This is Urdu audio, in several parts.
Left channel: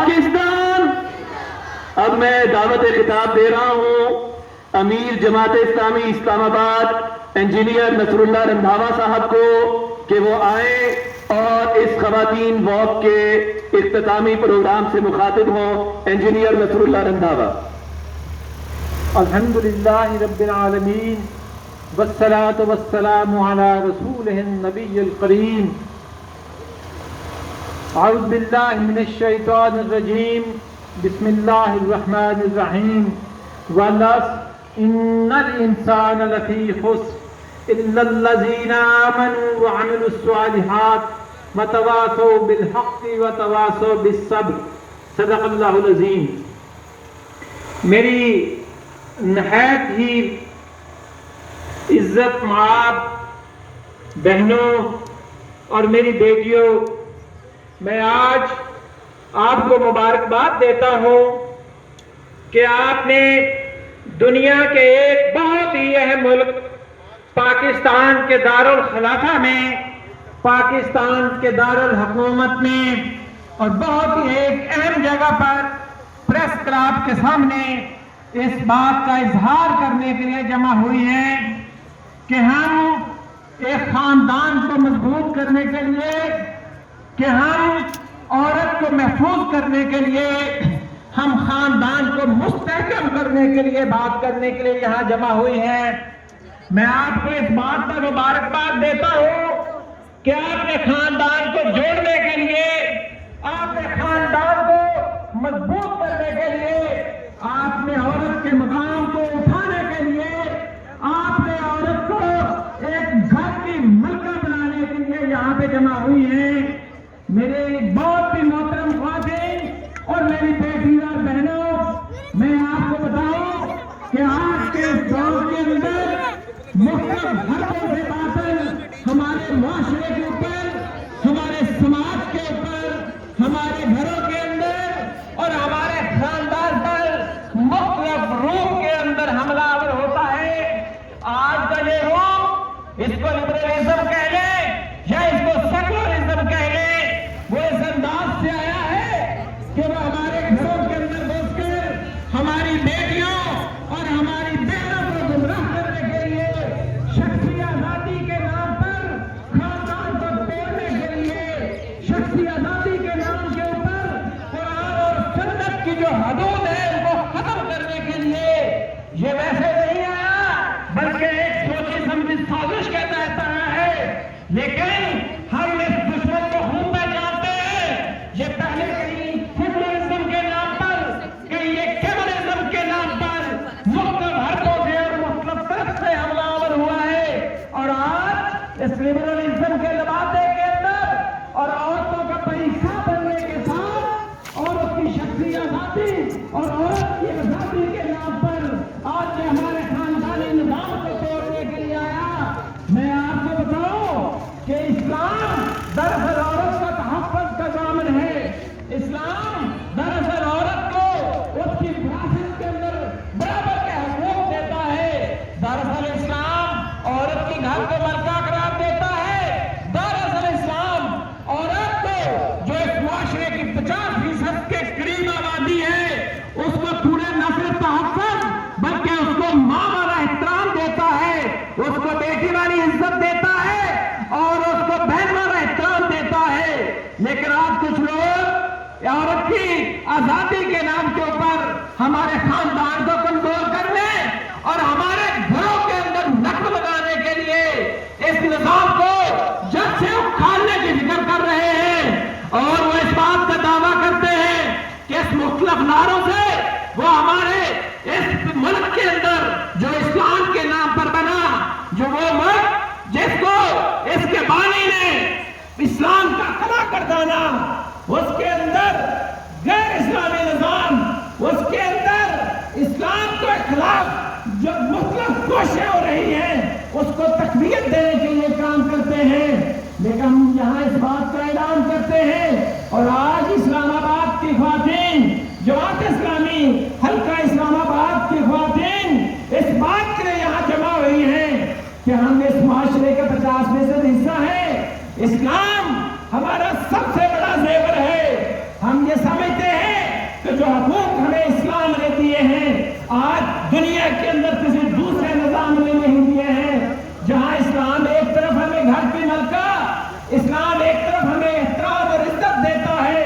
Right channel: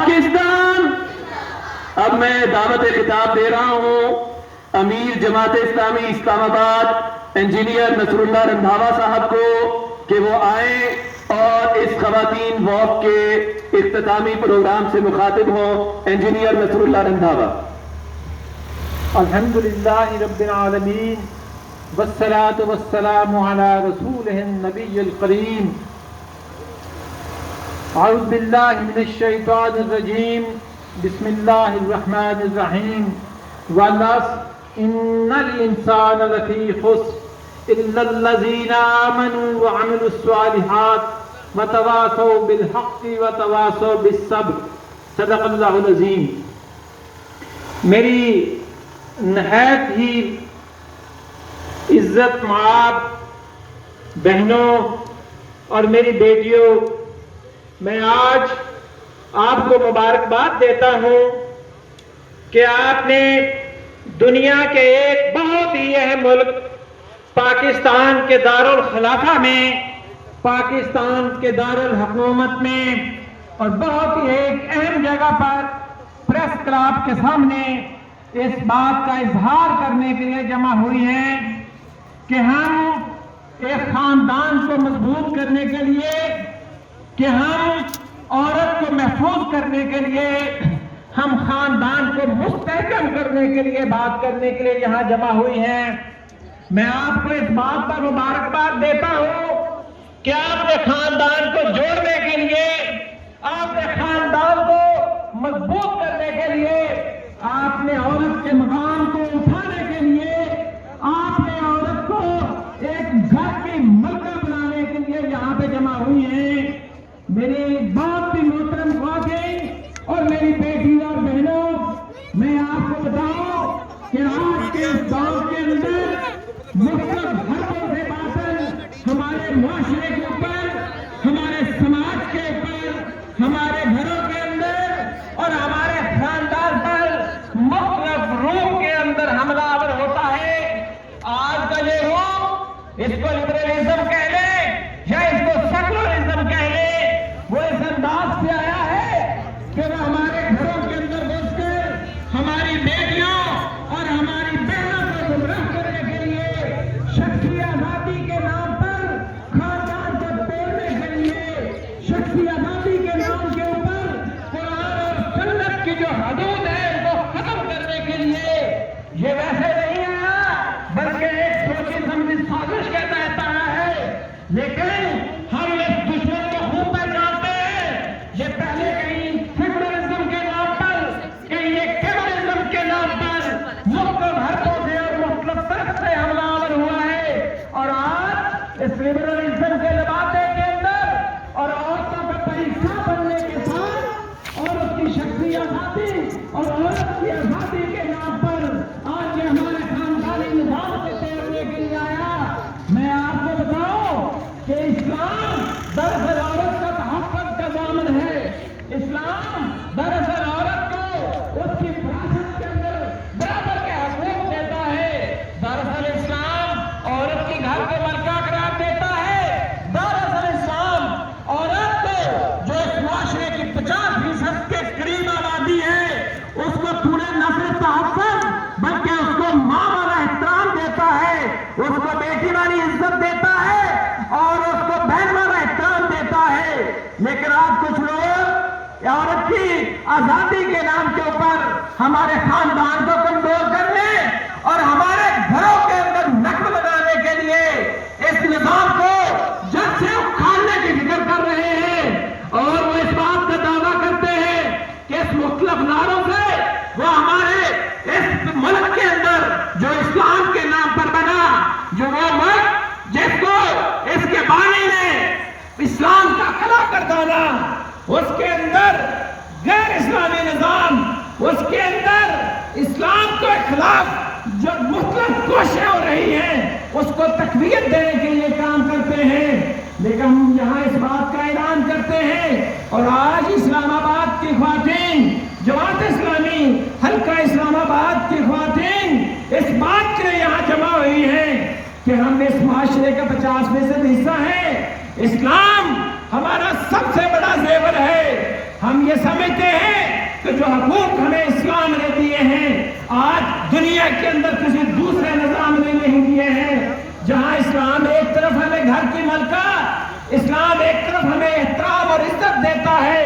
پاکستان. اب میں دعوت خطاب دے رہا ہوں امیر جماعت اسلامی اسلام آباد انجینئر نصر اللہ رندھاوا صاحب کو کہ وہ آئیں اور اس خواتین واک کے اختتامی پروگرام سے مخاطب ہوں. انجینئر نصر اللہ رندھاوا. الحمدللہ رب العالمین والصلاة والسلام علی رسولہ النبی الکریم. اعوذ باللہ من الشیطان الرجیم. بسم اللہ الرحمن الرحیم. والعصر ان الانسان لفی خسر الا الذین آمنوا وعملوا الصالحات وتواصوا بالحق وتواصوا بالصبر. صدق اللہ العظیم. میری نہایت ہی عزت مآب بہنوں اور میری بیٹیوں، میں آج آپ کو مبارکباد دیتا ہوں کہ آپ نے دنیا کے ایک بہت ہی اہم ملک پاکستان کے دارالخلافہ میں، پاکستان کے دارالحکومت میں اور بہت ہی ایک اہم جگہ پر پریس کلب کے سامنے اس بات کا اظہار کرنے کے لیے جمع ہوئی ہیں کہ ہم ایک خاندان کو مضبوط کرنے کے لیے، کہ ہم عورت کو محفوظ کرنے کے لیے، ہم خاندان کو مستحکم کرنے کے لیے بات کرنے کے لیے یہاں جمع ہوئی ہیں. میں آپ کو اس بات پر مبارکباد دیتا ہوں کہ آپ نے خاندان کو جوڑنے کے لیے، آپ نے خاندان کو مضبوط کرنے کے لیے، آپ نے عورت کے مقام کو اٹھانے کے لیے، آپ نے عورت کو ایک گھر کی ملکہ بنانے کے لیے یہاں پہ جمع ہوئی ہیں. میری بہت ہی محترم خواتین اور میری بیٹی اور بہنوں، میں آپ کو بتاؤں کہ آج کے اس دور کے اندر مختلف حرکوں سے باطن ہمارے معاشرے کے اوپر، ہمارے سماج کے اوپر، ہمارے گھروں کے اندر اور ہمارے خاندان پر مختلف روپ کے اندر حملہ آور ہوتا ہے. آج کا یہ روپ، اس کو لبرلزم کہہ لیں یا اس کو سیکولرزم کہہ لیں، وہ اس انداز سے آیا ہے کہ وہ ہمارے گھروں کے اندر گھس کر ہماری بیٹیوں اور ہماری بہنوں کو گمراہ کرنے کے لیے، شخصی آزادی کے نام پر خاندان کو توڑنے کے لیے، شخصی آزادی کے نام کے اوپر قرآن اور سنت کی جو حدود ہے ان کو ختم کرنے کے لیے، یہ ویسے نہیں آیا بلکہ ایک سوچی سمجھی سازش کے تحت آیا ہے. لیکن ہم اس دشمن کو خوب پہچانتے ہیں. یہ پہلے کہیں سیکولرزم کے نام پر، کہیں یہ کمیونزم کے نام پر مختلف حرکوں سے اور مختلف طرف سے حملہ آور ہوا ہے. اور آج اس لبرلزم کے لبادے کے اندر اور عورتوں کا پریشہ بننے کے ساتھ عورت کی شخصی آزادی اور عورت کی آزادی کے نام پر آج یہ ہمارے خاندانی نظام کو توڑنے کے لیے آیا. میں آپ کو بتاؤں کہ اسلام دراصل عورت کا تحفظ کا ضامن ہے. اسلام دراصل عورت کو اس کی وراثت کے اندر برابر کے حقوق دیتا ہے. دراصل اسلام عورت کی گھر کے ملکہ قرار دیتا ہے. دراصل اسلام عورت کو جو اس معاشرے کی 50% کے قریب آبادی ہے اس کو پورے نہ صرف تحفظ بلکہ اس کو ماں والا احترام دیتا ہے، اس کو بیٹی والی عزت دیتا ہے اور اس کو بہن والا احترام دیتا ہے. لیکن آج کچھ لوگ عورت کی آزادی کے نام کے اوپر ہمارے خاندان کو کمزور کرنے اور ہمارے گھروں کے اندر نقل لگانے کے لیے اس نظام کو جب سے اکھاڑنے کی فکر کر رہے ہیں. اور وہ اس بات کا دعویٰ کرتے ہیں کہ اس مختلف نعروں سے وہ ہمارے اس ملک کے اندر جو اسلام کے نام پر بنا، جو وہ ملک جس کو اس کے بانی نے اسلام کا کھڑا کر ڈالا، اس کے اندر غیر اسلامی نظام، اس کے اندر اسلام کے خلاف جو مختلف کوششیں ہو رہی ہیں اس کو تقویت دینے کے لیے کام کرتے ہیں. لیکن ہم یہاں اس بات کا اعلان کرتے ہیں اور آج اسلام آباد کی خواتین، جماعت اسلامی حلقہ اسلام آباد کی خواتین اس بات کے لیے یہاں جمع ہوئی ہیں کہ ہم اس معاشرے کا 50% حصہ ہیں. اسلام ہمارا سب سے بڑا زیور ہے. ہم یہ سمجھتے ہیں کہ جو حقوق ہمیں اسلام نے دیے ہیں آج دنیا کے اندر کسی دوسرے نظام نے نہیں دیے ہیں. جہاں اسلام ایک طرف ہمیں گھر کی ملکہ، اسلام ایک طرف ہمیں احترام اور عزت دیتا ہے،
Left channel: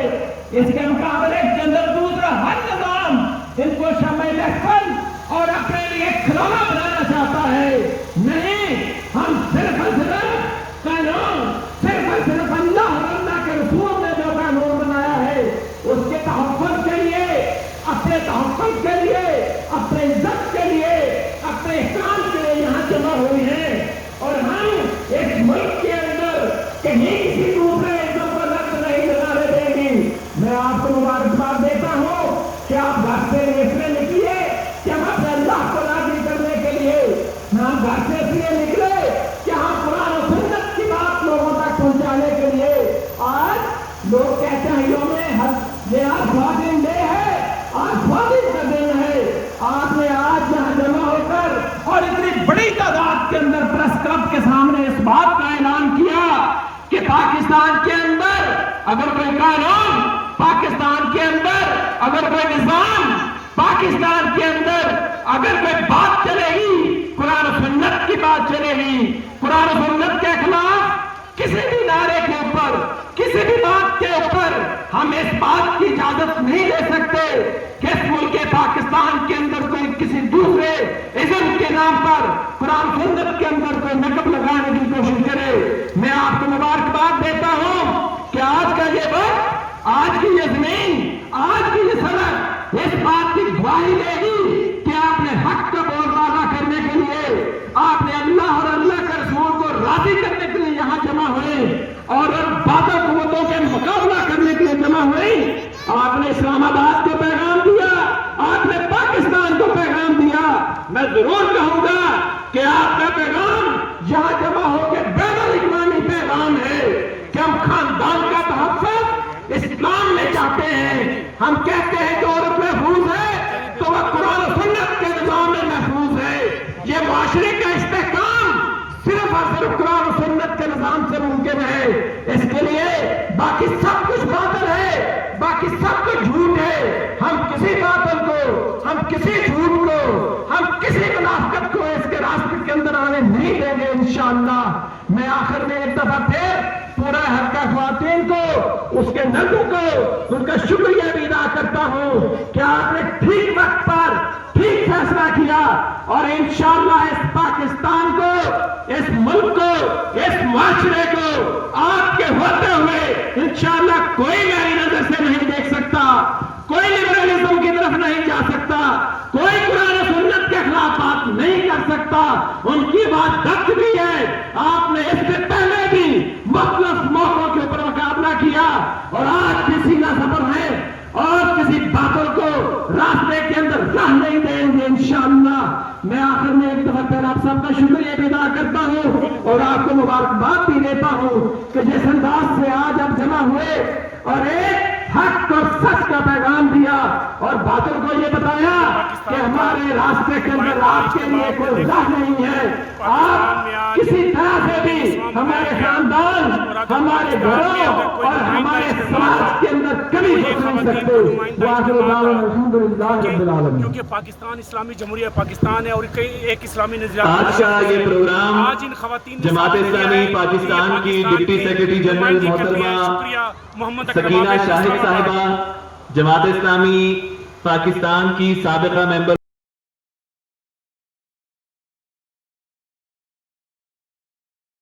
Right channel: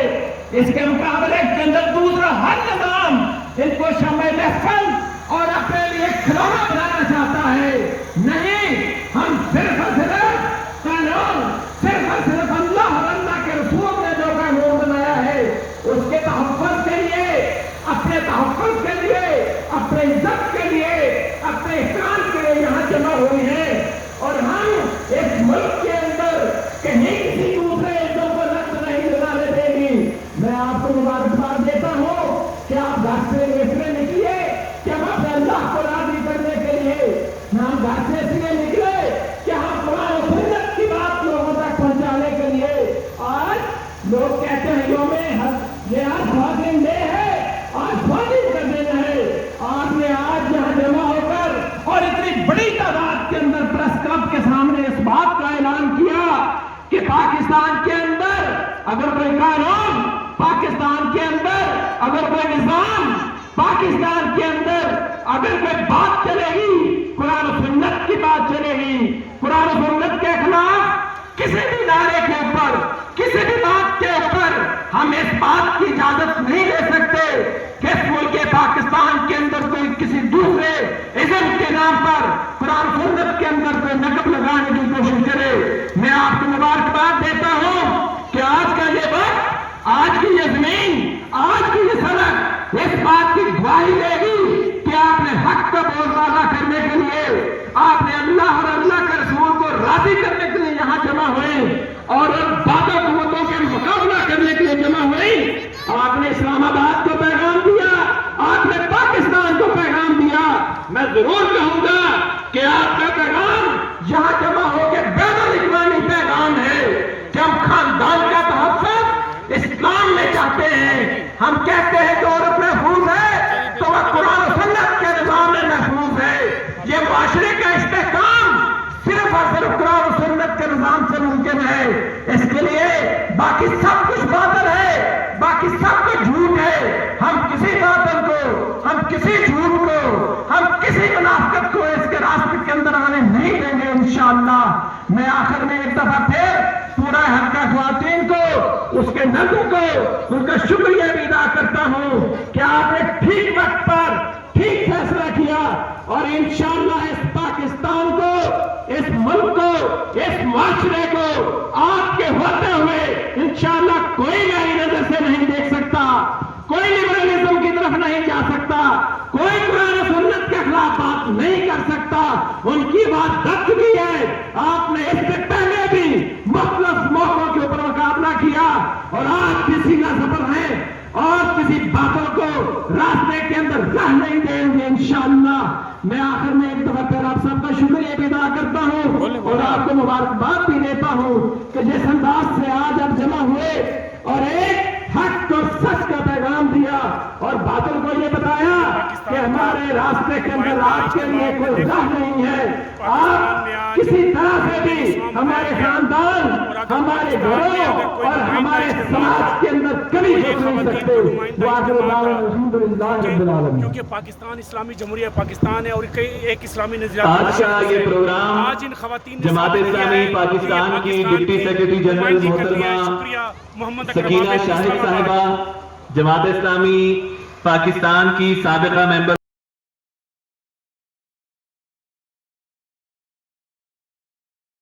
اس کے مقابلے کے اندر دوسرا ہر نظام ان کو شمع محفل اور اپنے لیے کھلونا بنانا چاہتا ہے. نہیں، ہم صرف اور صرف قانون، صرف اور صرف اللہ اور اللہ کے رسول نے جو قانون بنایا ہے اس کے تحفظ کے لیے، اپنے تحفظ کے لیے، اپنے عزت کے لیے، اپنے احترام کے لیے یہاں جمع ہوئے ہیں. اور ہم ایک ملک کے اندر کہیں کسی دوسرے عزت پر لفظ نہیں لگانے دیں گی. میں آپ کو مبارکباد دیتا ہوں کہ آپ گھر سے اس لیے نکلیے کہ ہم اپنے اللہ کو راضی کرنے کے لیے، ہم گھر سے اس لیے نکلے کہ ہم قرآن و سنت کی بات لوگوں تک پہنچانے کے لیے. آج لوگ کہتے ہیں یہ آج فاضل ڈے ہے، آج فاضل کا دن ہے. آپ نے آج یہاں جمع ہو کر اور اتنی بڑی تعداد کے اندر پریس کلب کے سامنے اس بات کا اعلان کیا کہ پاکستان کے اندر اگر کوئی قانون، پاکستان کے اندر اگر کوئی نظام، پاکستان کے اندر اگر کوئی بات چلے گی، قرآن و سنت کی بات چلے گی. قرآن و سنت کے خلاف کسی بھی نعرے کے اوپر، کسی بھی بات کے اوپر ہم اس بات کی اجازت نہیں دے سکتے کہ اس ملک پاکستان کے اندر کوئی کسی دوسرے ازم کے نام پر قرآن و سنت کے اندر کوئی نقب لگانے کی کوشش کرے. میں آپ کو مبارکباد دیتا ہوں کہ آج کا یہ وقت، آج کی یہ زمین، آج کی یہ سڑک اس بات کی گواہی دے گی کہ آپ نے حق کا بولبالا کرنے کے لیے، آپ نے اللہ اور اللہ کے رسول کو راضی کرنے کے لیے یہاں جمع ہوئے اور ان بادل قوتوں کے مقابلہ کرنے کے لیے جمع ہوئے. آپ نے اسلام آباد کو پیغام دیا، آپ نے پاکستان کو پیغام دیا. میں ضرور کہوں گا کہ آپ کا پیغام یہاں جمع ہو کے بین الاقوامی پیغام ہے کہ ہم خاندان کا تحفظ اسلام میں چاہتے ہیں. ہم کہتے ہیں کہ عورت محفوظ ہے تو وہ قرآن و سنت کے نظام میں محفوظ ہے. یہ معاشرے کا استحکام صرف اور صرف قرآن و سنت کے نظام سے ممکن ہے. اس کے لیے باقی سب کچھ باطل ہے، باقی سب کچھ جھوٹ ہے. ہم کسی باطل کو، ہم کسی جھوٹ کو، ہم کسی منافقت کو اس کے راستے کے اندر آنے نہیں دیں گے انشاءاللہ. میں آخر میں ایک دفعہ پھر پورا حلقہ خواتین کو، اس کے نظروں کو ان کا شکریہ بھی ادا کرتا ہوں کہ آپ نے ٹھیک وقت پر ٹھیک فیصلہ کیا اور انشاءاللہ اس پاکستان کو، اس ملک کو، اس معاشرے کو آپ کے ہوتے ہوئے انشاءاللہ کوئی میری نظر سے نہیں دیکھ سکتا، کوئی لبرلزم کی طرف نہیں جا سکتا، کوئی قرآن و سنت کے خلاف بات نہیں کر سکتا. ان کی بات دب چکی ہے. آپ نے اس سے پہلے بھی مختلف موقعوں کے اوپر مقابلہ کیا اور آج بھی سیدھا سفر ہے اور کسی باطل کو راستے کے اندر راہ نہیں دیں گے انشاءاللہ. میں آخر میں ایک دفعہ پھر آپ سب کا شکریہ بھی ادا کرتا ہوں اور آپ کو مبارکباد بھی دیتا ہوں کہ جس انداز سے آج آپ جمع ہوئے اور ایک حق کو سچ کا پیغام دیا اور باطل کو یہ بتایا کہ ہمارے راستے کے اندر آپ کے لیے کوئی راہ نہیں ہے. آپ کسی طرح سے بھی ہمارے خاندان، ہمارے گھروں اور ہمارے سماج کے اندر کبھی نہیں سکتے. کیونکہ پاکستان اسلامی جمہوریہ پاکستان ہے اور ایک اسلامی نظریات آج کا یہ پروگرام آج ان خواتین جماعت اسلامی پاکستان کی ڈپٹی سیکرٹری جنرل محترمہ سکینہ شاہد صاحبہ، جماعت اسلامی پاکستان کی سابقہ ممبر